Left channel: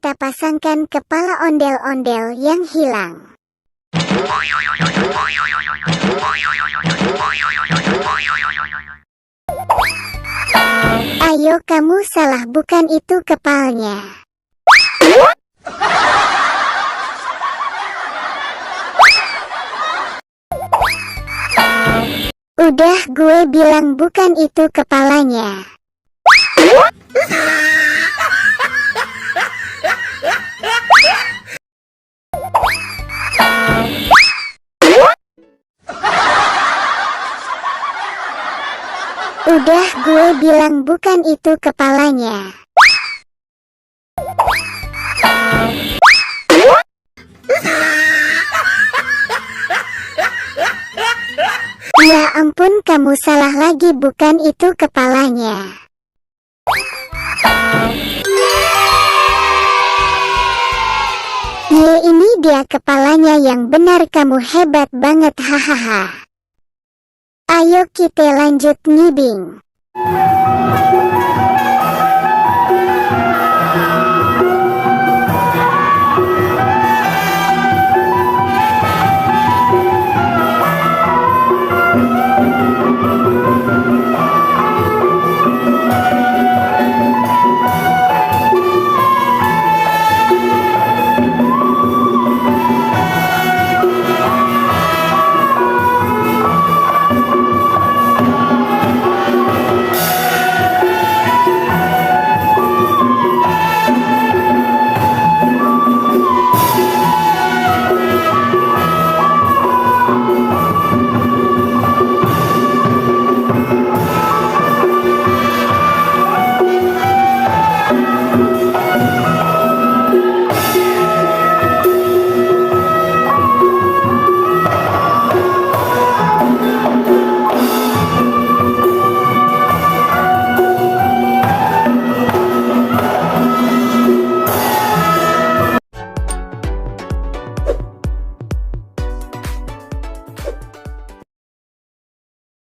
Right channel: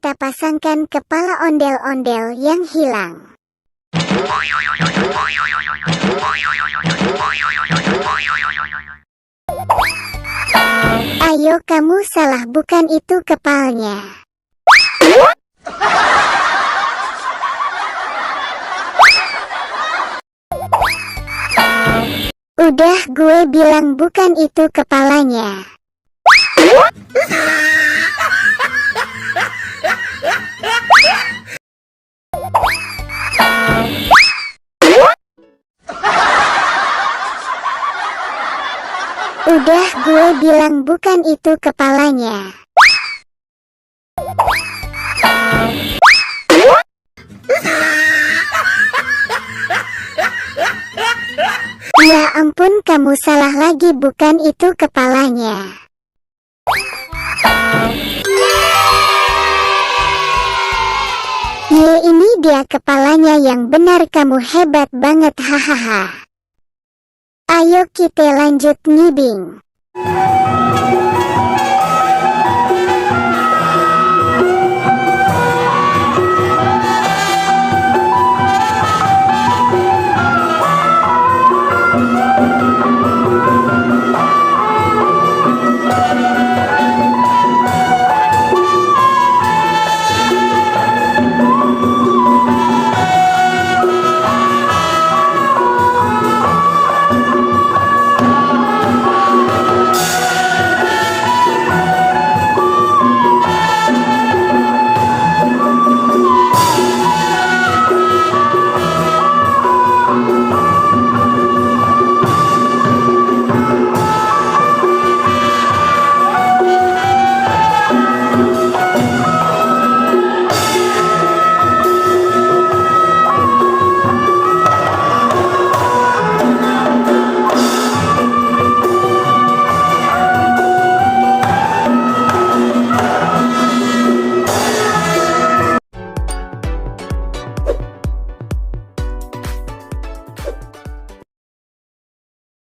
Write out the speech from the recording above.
kita pasangkan kepala ondel-ondel yang hilang. Ayo, kamu salah, bukan itu kepalanya. Udah, gue bilang bukan itu kepalanya. Udah, gue bilang bukan itu kepalanya. Ya ampun, kamu salah lagi, bukan itu kepalanya. Ye, ini dia kepalanya yang benar, kamu hebat banget, hahaha. Ayo kita lanjut ngibing.